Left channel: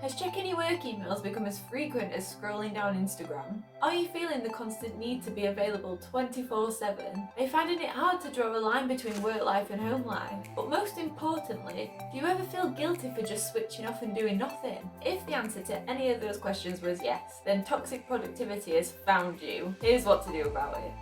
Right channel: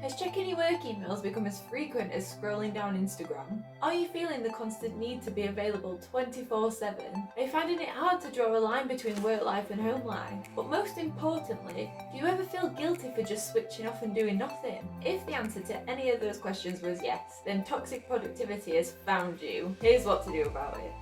Has checking your work emails become as frequent as scrolling down Instagram? Are you feeling the constant need to be available 24/7? Are you finding it hard to draw a line between work life and home life? But most importantly, do you ever feel guilty for just switching off and doing nothing? If the answer to any of those questions was yes, then toxic productivity has found you. Here's what to do about it.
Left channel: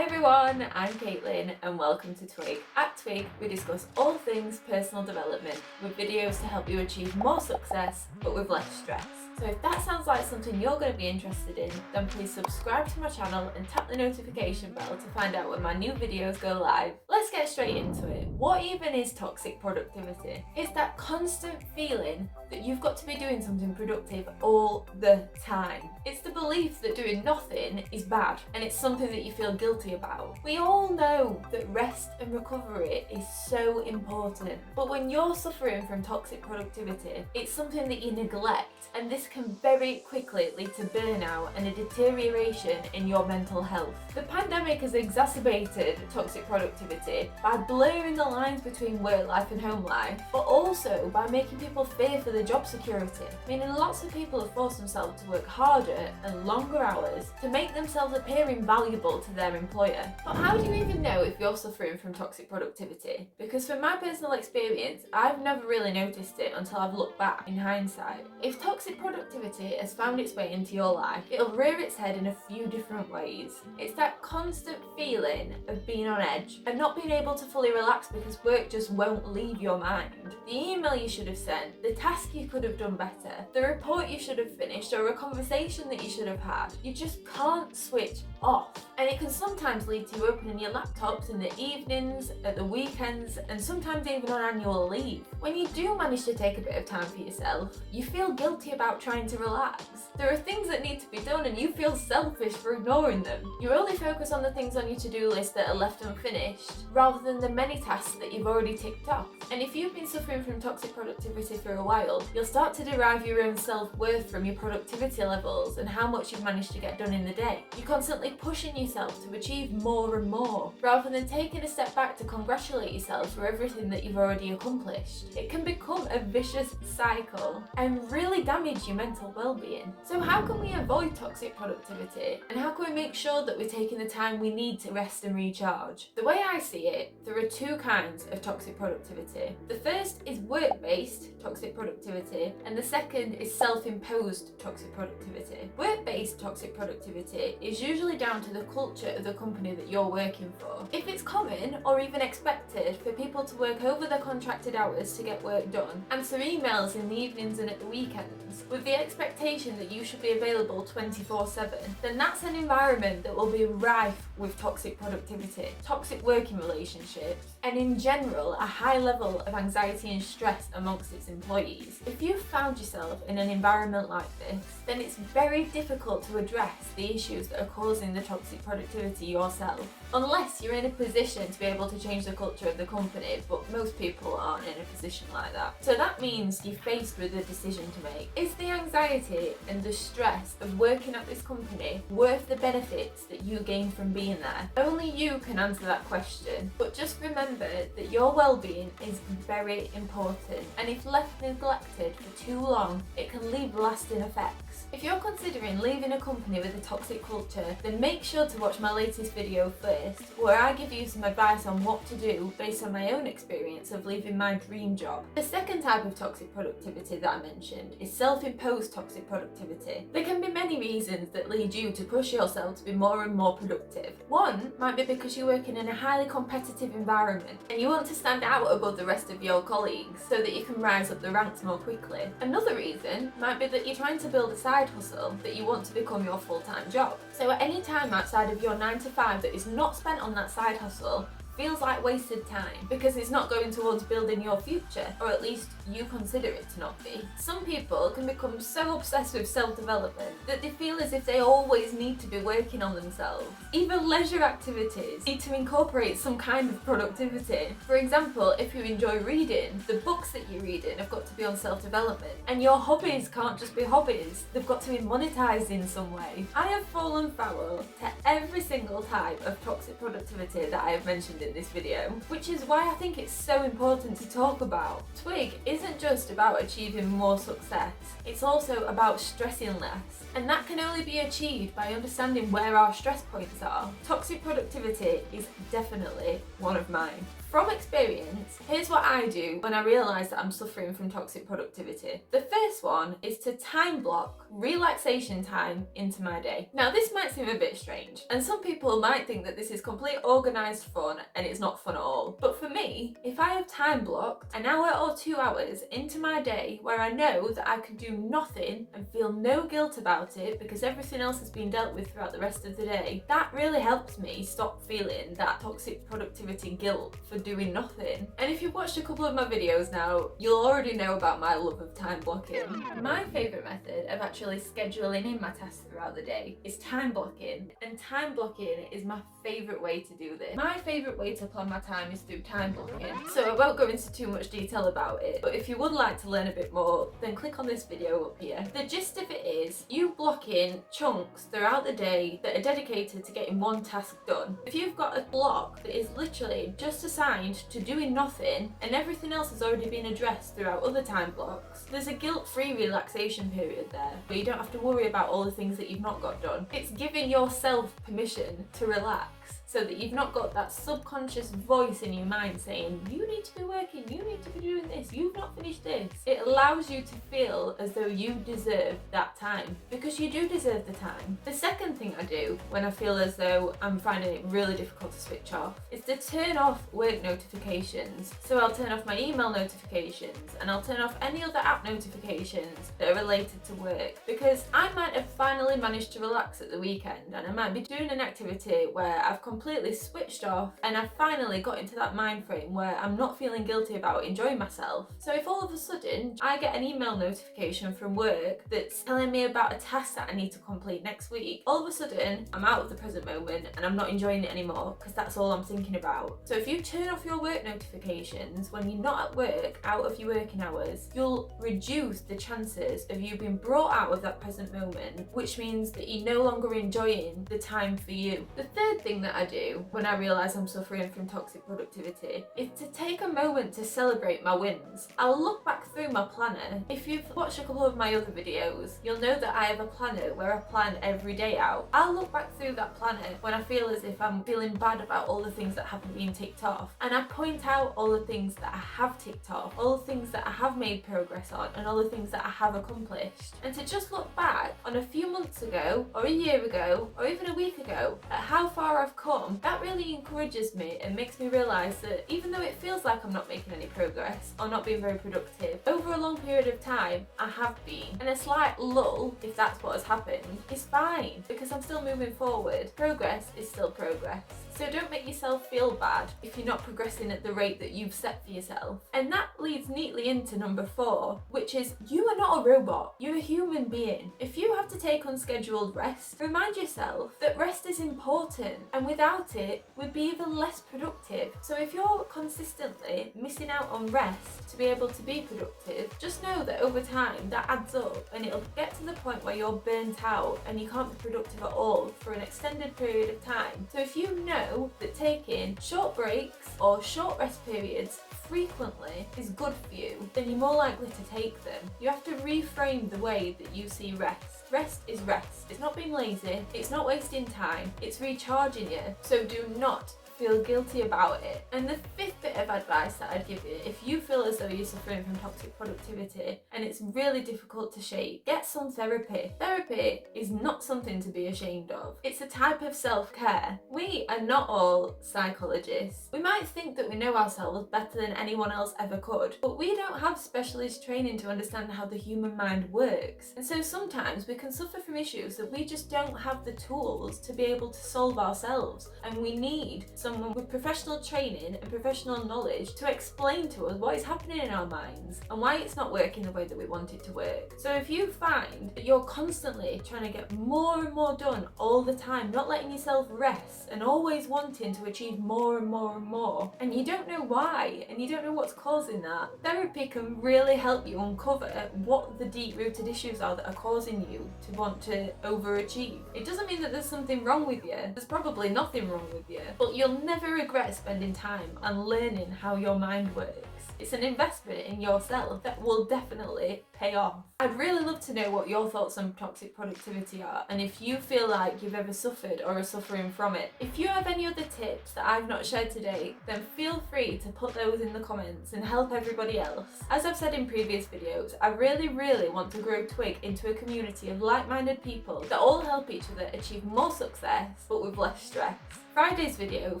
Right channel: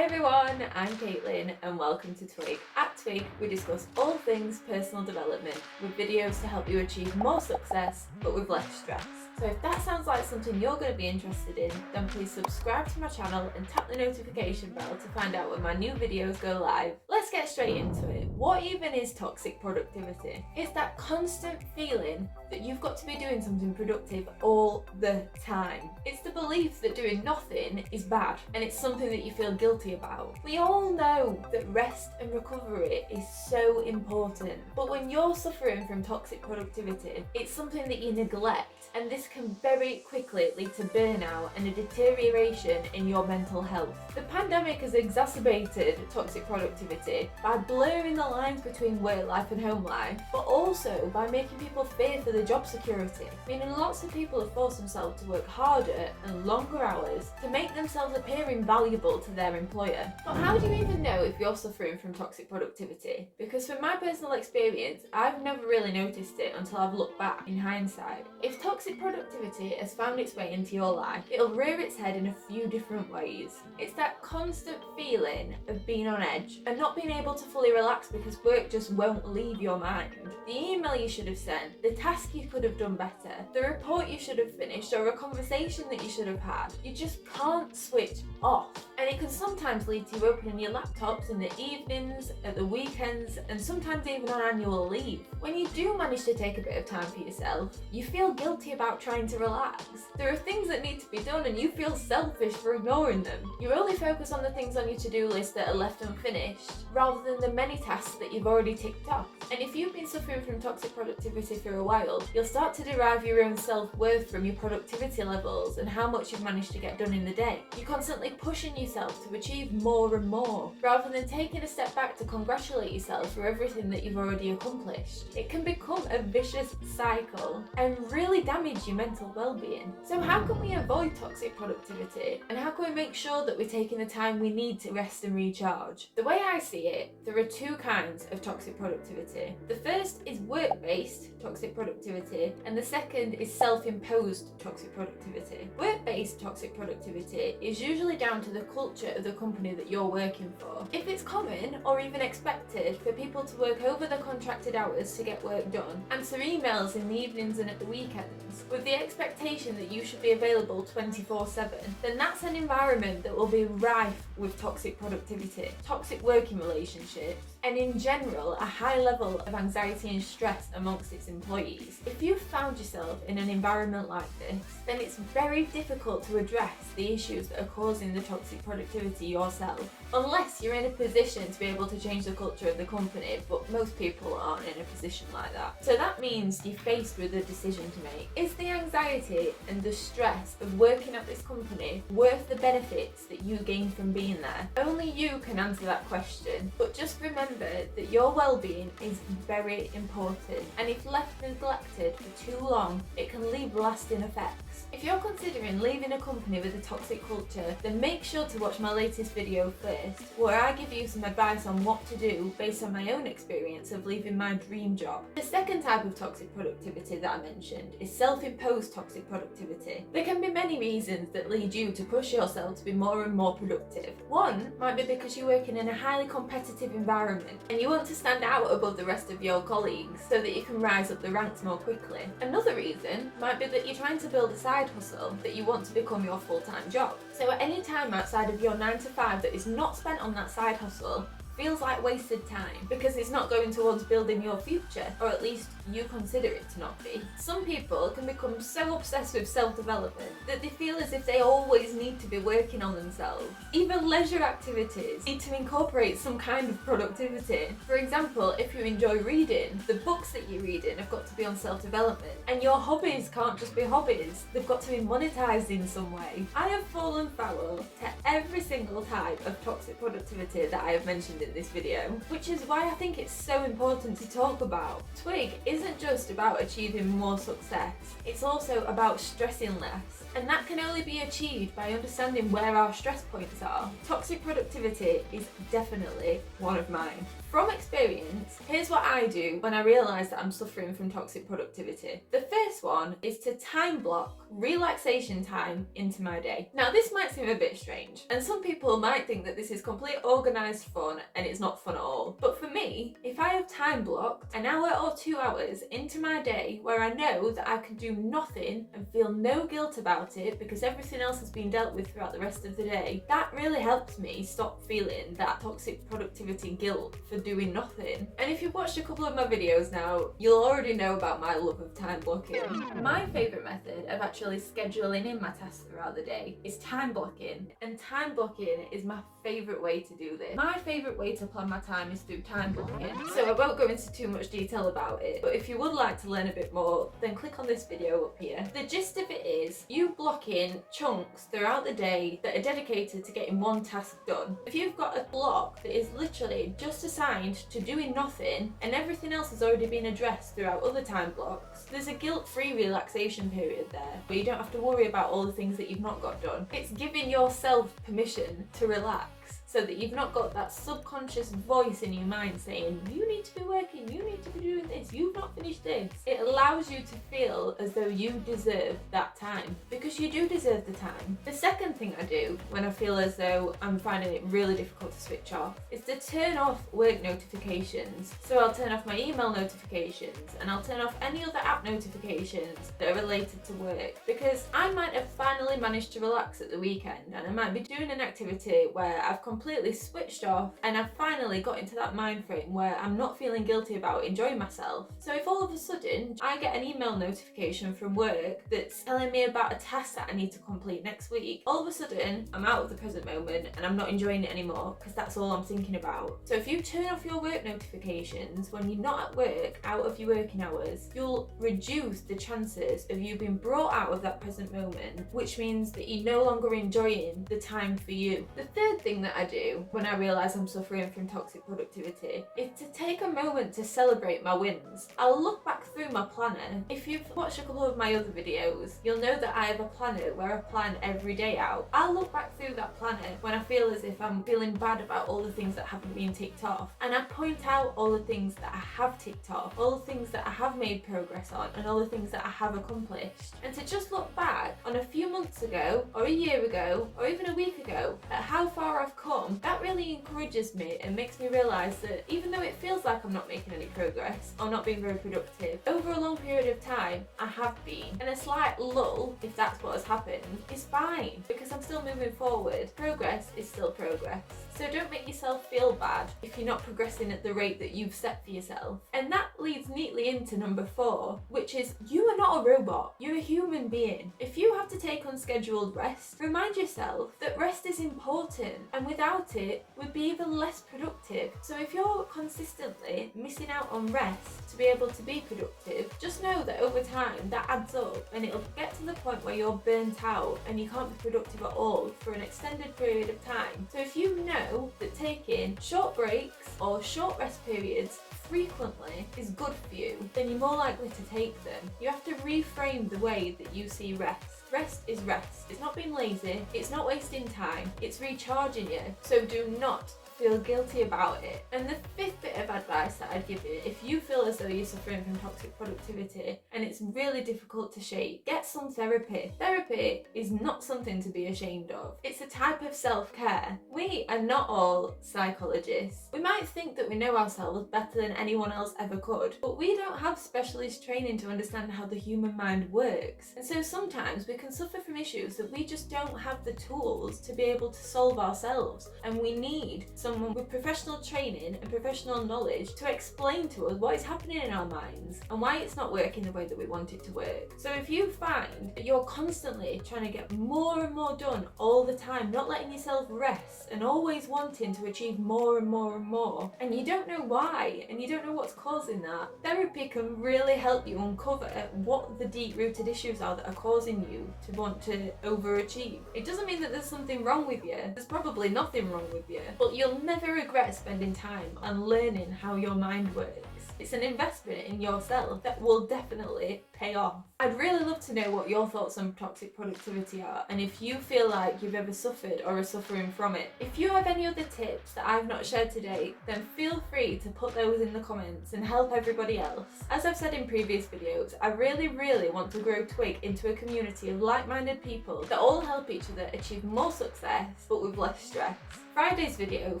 Hey everyone, I'm Caitlin and welcome to Twig. At Twig, we discuss all things personal development with videos to help you achieve more success but with less stress. So if that sounds like something you're going to be interested in, then please subscribe to my channel and tap the notification bell to find out when my new videos go live. Let's get straight into it. What even is toxic productivity? It's that constant feeling that you've got to be doing something productive all the time. It's the belief that doing nothing is bad and it's something that you feel guilty about. We all know that rest and recovery is so important, but when you're suffering from toxic productivity, it's something that you neglect, and this can very quickly lead to burnout and a deterioration in your mental health. The pandemic has exacerbated toxic productivity by blurring the lines between work life and home life, but also by making people fear for their job security, meaning lots of people have forced themselves to work harder and longer hours to make themselves appear invaluable to their employer. But how do you even know if you're suffering from toxic productivity? Because from my personal experience, I've never really noticed it until I've looked back in hindsight. If toxic productivity has found its way into your life, it'll rear its head in a few different ways. It's that constant feeling of being on edge and not being able to fully relax because work just won't leave your mind. The email you should have sent, the task you could have done better, the report you should have finished, or a conversation that you should have had. You just can't switch off. And it can sometimes lead to you opening your laptops in the evenings, at the weekends, and sometimes even on annual leave. When you do manage to take a bit of time for yourself, you feel guilty about trying to relax. There are things that need to be done and you feel selfish for ignoring them. You only focus on the things on your to-do list that are left unfinished, rather than the many tasks that you've already ticked off. And if you've been suffering from toxic productivity for a while, you'll start to derive your own self-worth from your productivity levels and how much you've managed to get done in the day. You're constantly pushing yourself to achieve more and more, rather than taking a step back to congratulate yourself for everything that you've already accomplished. It can become a vicious cycle and really damage your mental well-being. So how can we avoid toxic productivity, and how can we make sure that we're taking the time we need to rest and recharge? The way I see it, there are two kinds of toxic productivity. The first is work-based toxic productivity, and the second is self-imposed toxic productivity. Work-based toxic productivity is usually down to the culture of the company that you're working for. If it's common or even expected for people to work over their contracted hours to get work done, answer emails in the evenings and at the weekends, with the expectation that you should be available 24/7, then that's an environment that will be rife with toxic productivity, toxic working relationships, and in general a high level of anxiety and stress amongst its employees. If you've found yourself in an environment like this, then it's very difficult to address the issues that are causing the toxic productivity yourself, unless you're in a position to be able to change the culture of the company, but most people aren't in a position like that. So that means you're faced with a decision to make. Is the anxiety and the stress of working at this company worth the benefits that you gain from being there? Only you can answer that question, but just remember that your well-being is very important, and if left neglected for too long, it can leave lasting effects. If you're considering leaving a company with a toxic culture, then make sure to watch my latest video first, where I give you some advice on what to do based on my own experience of leaving my dream job. The second type of toxic productivity that I mentioned is self-imposed toxic productivity. There can be many reasons that lead you to push yourself to be more and more productive. One might be because you're working in a highly competitive environment and you want to stand out above the rest of your colleagues so that you can rise up the ranks more quickly. Another reason might be that you're trying to build a side hustle that you want to become your full-time job. So at any time outside of your 9 to 5 that is not spent on that side hustle feels like wasted time because it's not going towards building your future, or at least you consider it to not be. Some people can become so obsessed with self-development that they feel as if they always need to be working on themselves. Even leisure activities need to incorporate some kind of productivity. For example, if you enjoy reading, the books that you're reading have got to be on self-development, and your hobbies can't just be hobbies, they've got to be monetized in some way. I have fallen foul to every single type of toxic productivity that I have mentioned in this video, which is why I think it's so important to talk about. Twig isn't just about achieving more success, it's also about stressing less. And that can only be achieved by understanding where our stress points are. Toxic productivity is definitely one of mine. From experience, here's what I do when I realise that I'm suffering from toxic productivity. The first one is to time block relaxation time into my day. Now, this might seem a bit strange, and some people might think that this is complete organised fun and it's not fun at all. But for me, if I have time blocked an hour or 2 hours into my day where I know that I can do nothing and feel no guilt about it because everything else has been dealt with throughout the rest of the day, that really helps me stop feeling that toxic productivity guilt for doing nothing. And if you've watched a couple of my videos now, you'll already know about my love of time blocking. My favourite method of actually scheduling in my tasks throughout the day is time blocking, and time blocking is my favourite way to do this. My favourite way to plan my time is through time blocking, so I won't go into too much detail about it, but if you would like to learn a bit more, then click on this video up here. The gist of it is you block in chunks throughout the day that are dedicated to getting one task done. If you've got a block that is literally just assigned to doing nothing and everything else has already been addressed throughout other time blocks, there's a guilt-free relaxation period there where you don't have to worry about all the things that you've not got done. It's giving yourself permission to relax, so that you've not got that subconscious voice in your mind saying, you need to be working, you need to be doing this, you've not finished this. It allows you to feel as though you deserve that time, because you do deserve the time. The second thing I do when I feel as though I'm finding it really difficult to switch off is to turn off work notifications. So I'll turn off my email notifications and I'll turn off any other app notifications that are related to work, because I might have finally managed to relax at the weekend and I might be doing an activity where I've completely switched off and I've finally got into that mind frame where I'm not feeling guilty about enjoying myself. So if all of a sudden I get an email notification from work that's telling me about a task that I need to complete next week, all of a sudden I'm out of the present moment and I'm not enjoying it anymore because that's all I'm thinking about. So if you turn off your work notifications when you're not at work, out of your working hours, you'll reduce the chances of you being brought out of that present moment, which means that you're no longer enjoying the time for you. The third thing that I do when I realise I'm suffering from toxic productivity is to take a moment to celebrate my wins. I'll look back through my planner. If you've watched a couple of my other videos, you'll know that I have a planner where I plan every day out. I'll look back through that planner when I feel as if I'm feeling bad about all the things that haven't been ticked off, and I point out all the things that I have ticked off, all the things that I have made progress on, and all the things that I have accomplished. And to just look back on a few months ago, or a year ago, or even a week ago, at how far I've come, that really encourages me and makes me realise that even though it feels like I'm not making any progress or not being very productive, over a long period of time I have been. And a slight lull, if that's what has happened, is fine because I'm still moving forward. Progress is still progress. So don't make yourself feel bad if you're not progressing at the rate that you've set for yourself. And that leads neatly into number 4, which is you are not a robot, you're a human being. If you have to take unscheduled rest, remind yourself that rest is important, and without it, we'd be even less productive. So if you're consistently missing out on rest to be able to be productive, just know that over time that adds up and it'll get to the point where you're burnt out and you can't be productive at all for an extended period of time. So if you know that taking short breaks or short rest periods frequently is good for you, then you're more likely to take them. You have to reframe the way that you see rest. Rest is rest. It's not being lazy, it's not wasting time, it's recharging you. So do not feel guilty about it. And the 5th bit of advice that I'd give you, if you feel as though you're suffering from toxic productivity and it's really difficult to shake, get some therapy. Therapy is not something to be ashamed of. It's a type of self-care. We are not all psychologists. We might think that we know ourselves better than anyone else ever could, but we don't have specialist training to understand how the human mind works. And so sometimes we can suffer from issues that we just don't have the tools to be able to solve ourselves, and we need someone with professional training and professional knowledge to explain to us what is happening in our minds and why it's not working the way that we want it to work. So if you find that you're constantly trying to get more and more done all the time, not letting yourself rest and always wanting to achieve more and more and more, and you don't know why and you don't know what's causing that, therapy can really help you uncover what the deep-rooted issues are that are causing you to want to overachieve. It doesn't mean that there's something wrong with you. There's probably nothing wrong with you, but you'll never regret spending time and learning how your mind works. It's an investment in yourself that will definitely pay off. I'd really love to know what your thoughts on toxic productivity are, and if you feel like you've ever suffered or are suffering from it. If you have any other tips that I've not shared today, then feel free to put those in the comments and help everybody else. As I've said in previous videos, I really want to grow Twig into a community of like-minded people that all help each other achieve more success but with less stress. Friday's video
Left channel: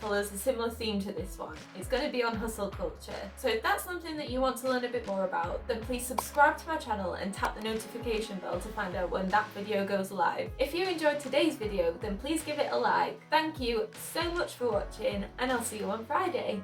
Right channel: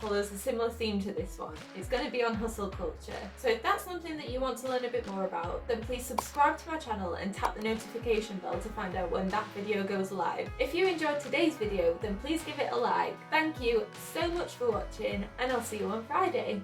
follows a similar theme to this one. It's going to be on hustle culture. So if that's something that you want to learn a bit more about, then please subscribe to my channel and tap the notification bell to find out when that video goes live. If you enjoyed today's video, then please give it a like. Thank you so much for watching, and I'll see you on Friday.